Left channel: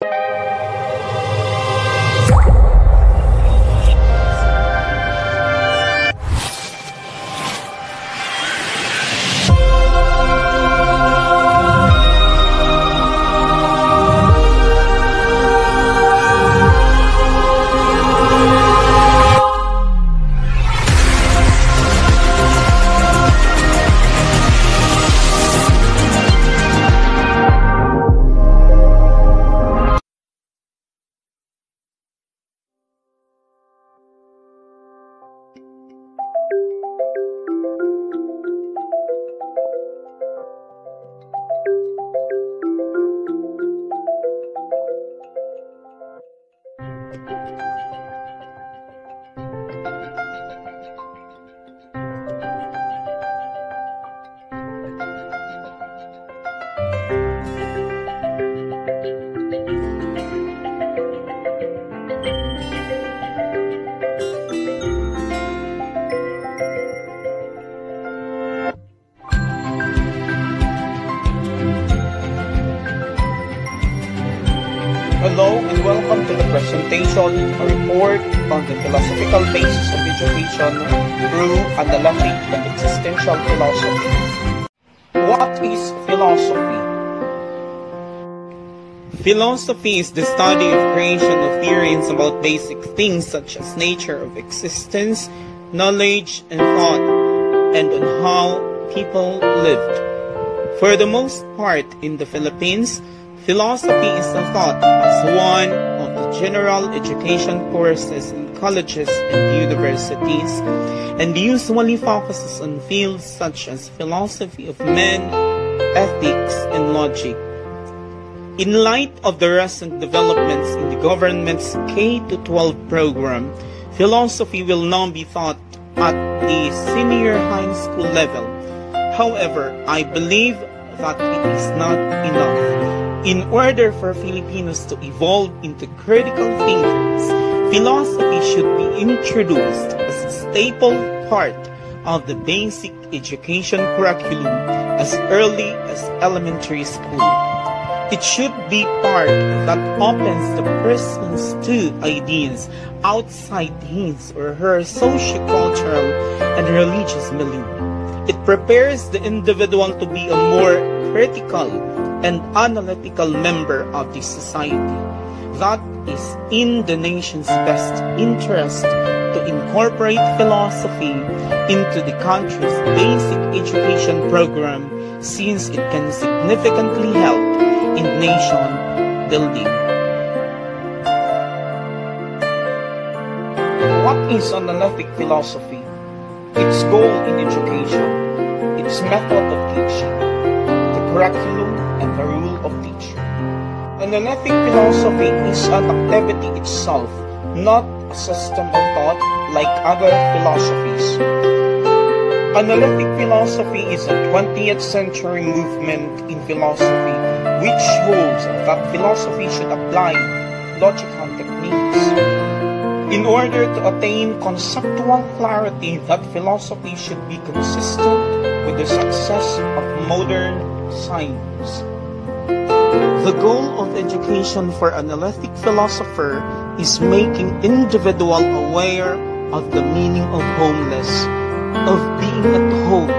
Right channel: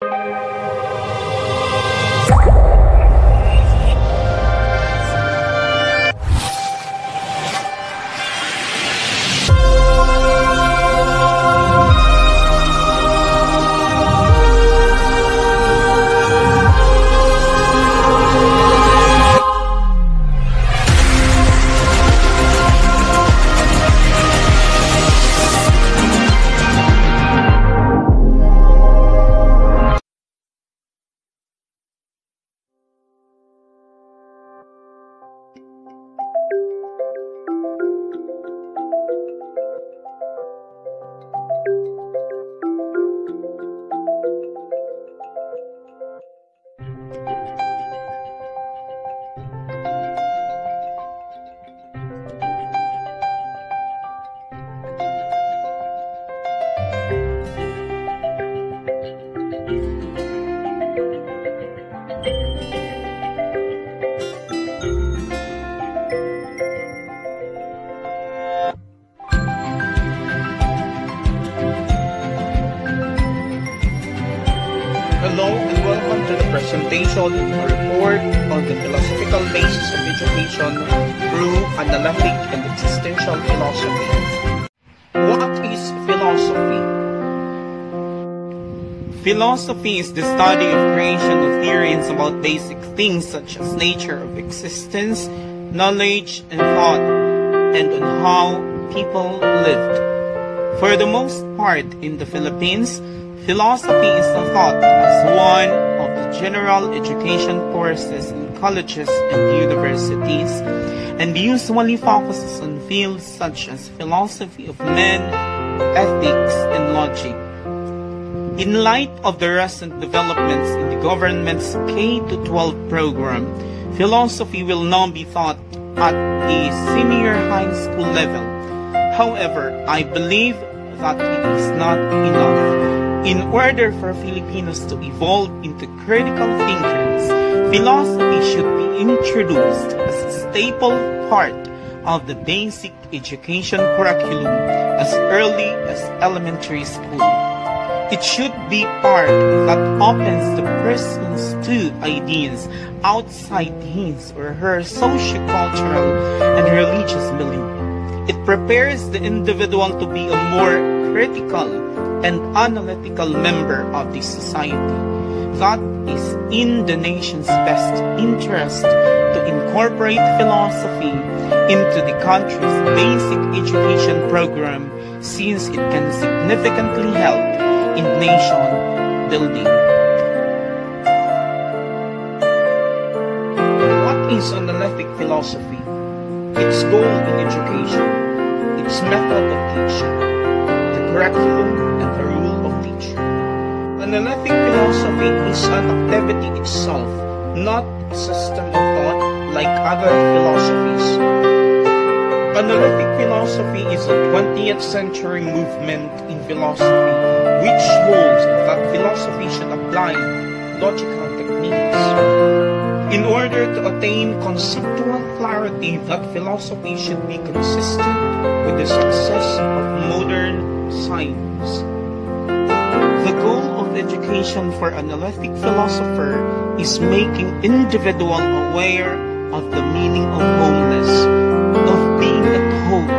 Hello and welcome to the presentation, a report on the philosophical basis of education through analytic and existential philosophy. What is philosophy? Philosophy is the study of creation of theories about basic things such as nature of existence, knowledge, and thought, and on how people lived. For the most part in the Philippines, philosophy is thought as one of the general education courses in colleges and universities, and usually focuses on fields such as philosophy of men, ethics, and logic. In light of the recent developments in the government's K-12 program, philosophy will now be taught at a senior high school level. However, I believe that it is not enough. In order for Filipinos to evolve into critical thinkers, philosophy should be introduced as a staple part of the basic education curriculum as early as elementary school. It should be part that opens the persons to ideas outside his or her socio-cultural and religious belief. It prepares the individual to be a more critical and analytical member of the society. That is in the nation's best interest to incorporate philosophy into the country's basic education program, since it can significantly help in nation building. What is analytic philosophy? Its goal in education, its method of teaching, the curriculum, and the rule of teaching. Analytic philosophy is an activity itself, not a system of thought like other philosophies. Analytic philosophy is a 20th century movement in philosophy which holds that philosophy should apply logical techniques. In order to attain conceptual clarity, that philosophy should be consistent with the success of modern science. The goal of education for analytic philosopher is making individual aware of the meaning of homeless, of being at home,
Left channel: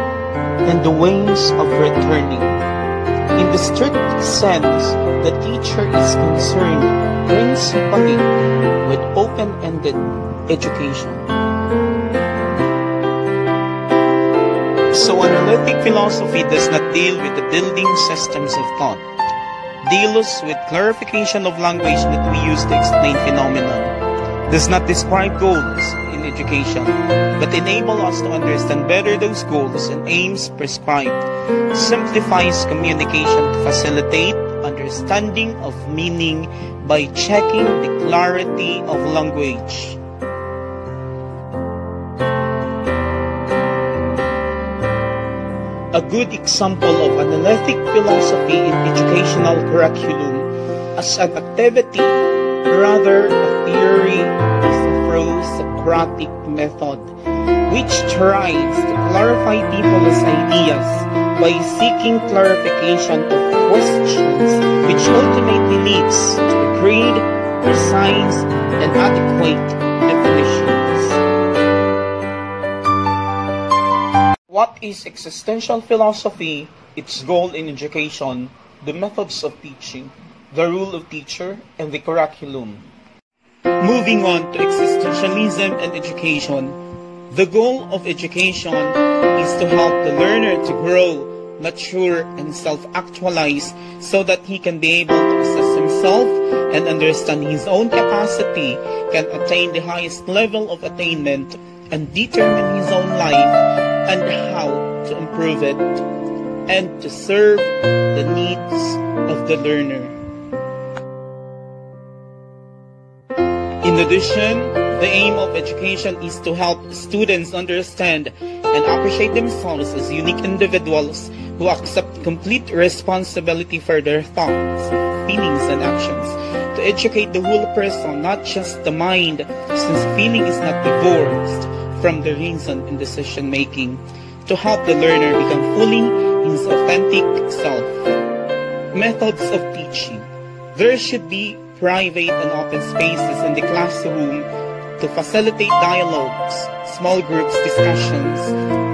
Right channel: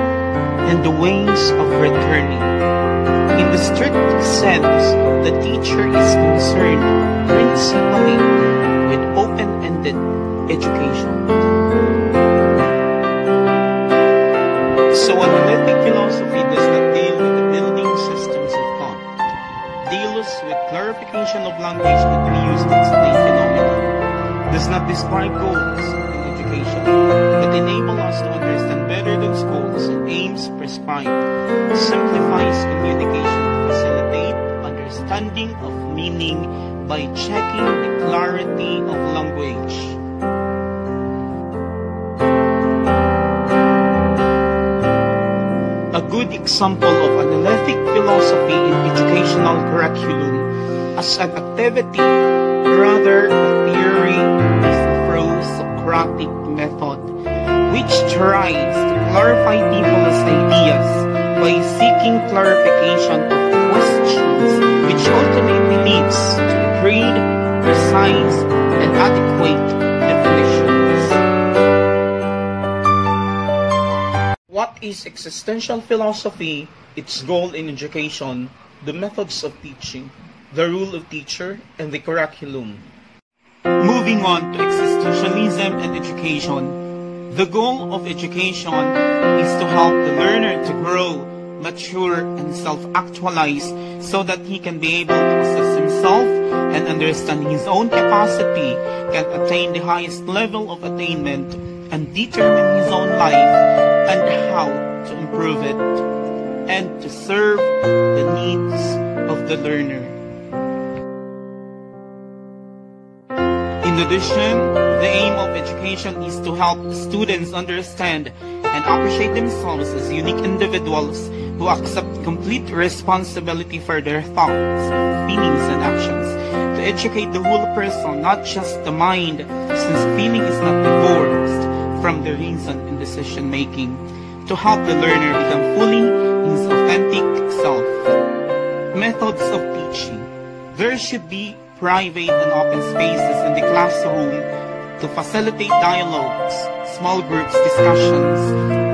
and the ways of returning. In the strict sense, the teacher is concerned principally with open-ended education. So analytic philosophy does not deal with the building systems of thought. Deals with clarification of language that we use to explain phenomena. Does not describe goals in education, but enable us to understand better those goals and aims prescribed. Simplifies communication to facilitate understanding of meaning by checking the clarity of language. A good example of analytic philosophy in educational curriculum as an activity, rather a theory, is the pro-Socratic method, which tries to clarify people's ideas by seeking clarification of questions, which ultimately leads to a concrete, precise, and adequate definitions. What is existential philosophy? Its goal in education, the methods of teaching, the role of teacher, and the curriculum. Moving on to existentialism and education. The goal of education is to help the learner to grow, mature, and self-actualize so that he can be able to assess himself and understand his own capacity, can attain the highest level of attainment, and determine his own life and how to improve it, and to serve the needs of the learner. In addition, the aim of education is to help students understand and appreciate themselves as unique individuals who accept complete responsibility for their thoughts, feelings, and actions. To educate the whole person, not just the mind, since feeling is not divorced from the reason in decision making. To help the learner become fully his authentic self. Methods of teaching. There should be private and open spaces in the classroom to facilitate dialogues, small groups discussions,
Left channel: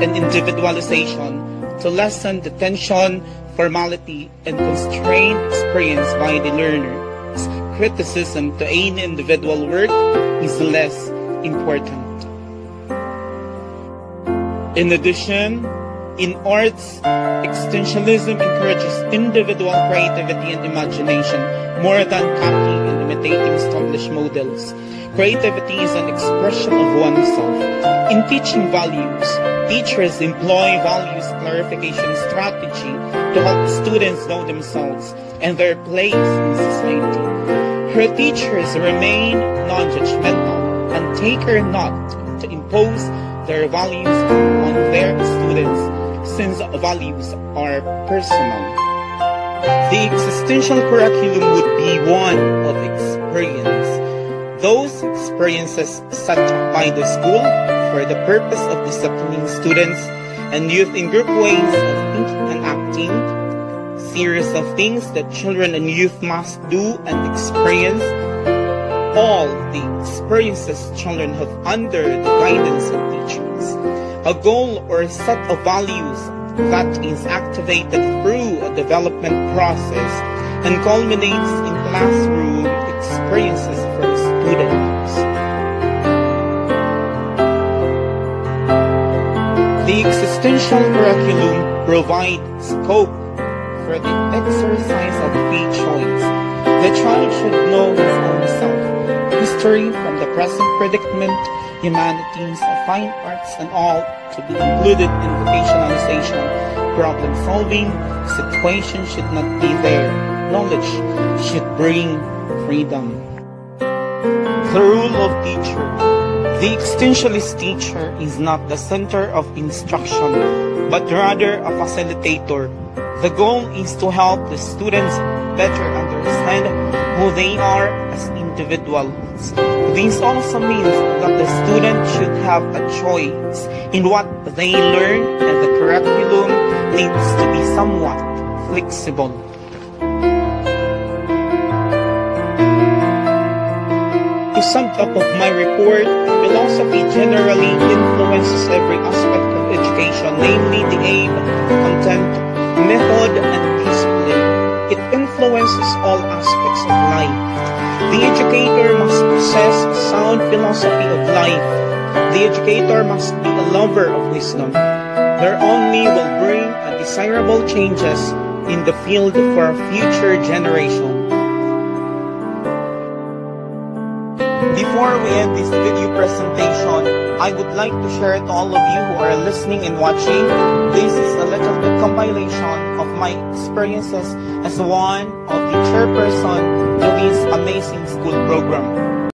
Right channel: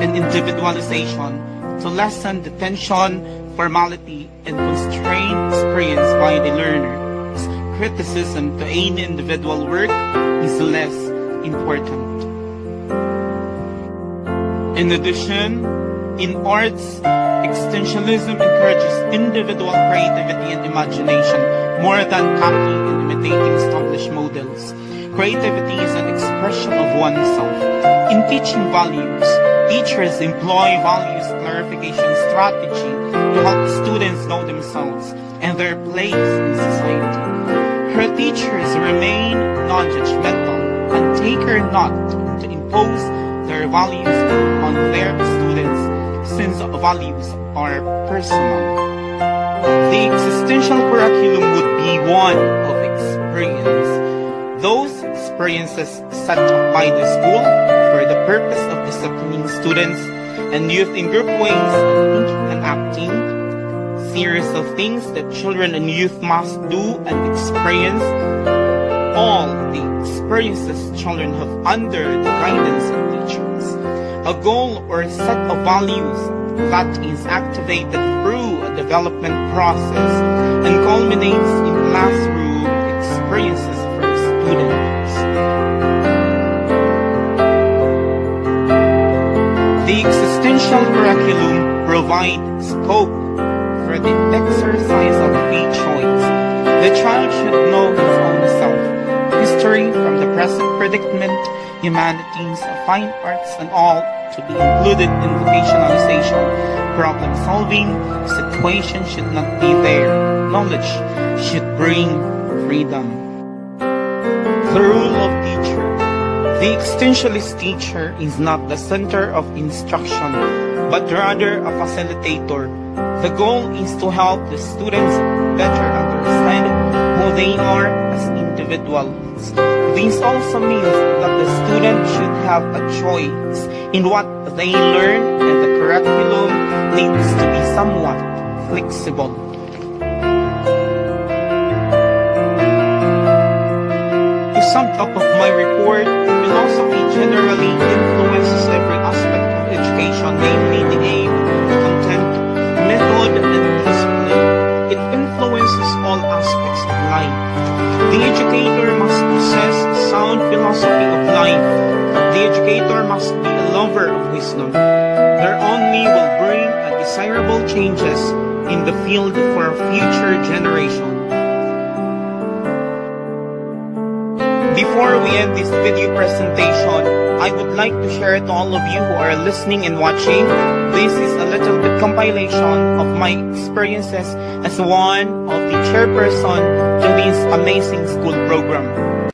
and individualization to lessen the tension, formality, and constraint experienced by the learner. Criticism to any individual work is less important. In addition, in arts, existentialism encourages individual creativity and imagination more than copying and imitating established models. Creativity is an expression of oneself. In teaching values, teachers employ values clarification strategy to help students know themselves and their place in society. Her teachers remain non-judgmental and take care not to impose their values on their students, since values are personal. The existential curriculum would be one of experience. Those experiences set up by the school for the purpose of disciplining students and youth in group ways of thinking and acting, series of things that children and youth must do and experience, all the experiences children have under the guidance of teachers, a goal or a set of values that is activated through a development process and culminates in classroom experiences for students. The existential curriculum provides scope for the exercise of free choice. The child should know his own self, history from the present predicament, humanities, fine arts, and all to be included in vocationalization. Problem solving, situation should not be there. Knowledge should bring freedom. The role of teacher. The existentialist teacher is not the center of instruction, but rather a facilitator. The goal is to help the students better understand who they are as individuals. This also means that the student should have a choice in what they learn, and the curriculum needs to be somewhat flexible. To sum up of my report, philosophy generally influences every aspect of education, namely the aim, content, method, and discipline. It influences all aspects of life. The educator must possess a sound philosophy of life. The educator must be a lover of wisdom. There only will bring a desirable changes in the field for a future generation. Before we end this video presentation, I would like to share to all of you who are listening and watching, this is a little bit compilation of my experiences as one of the chairperson to this amazing school program.